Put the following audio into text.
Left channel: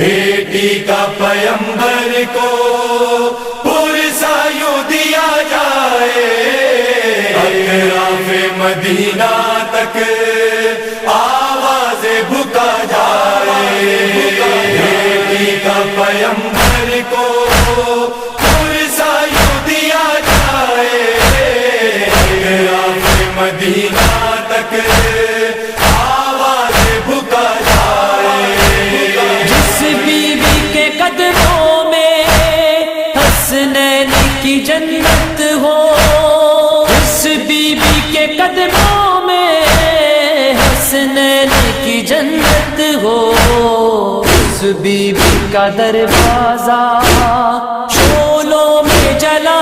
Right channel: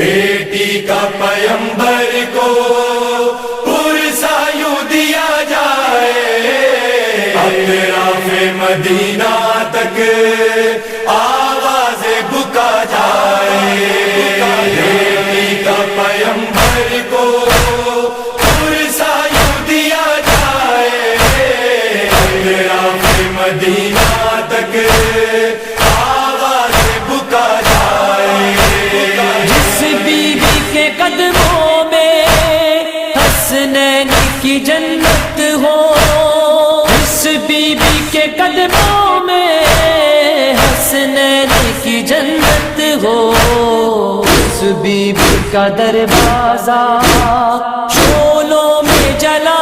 بیٹی کا پیمبر کو پرسا یوں دیا جائے، اطراف مدینہ تک آواز بکا جائے، بیٹی کا پیمبر کو پرسا یوں دیا جائے، اطراف مدینہ تک آواز بکا جائے۔ جس بی بی کے قدموں میں حسنین کی جنت ہو، جس بی بی کے قدموں میں حسنین کی جنت ہو، اس بی بی کا دروازہ شعلوں میں جلا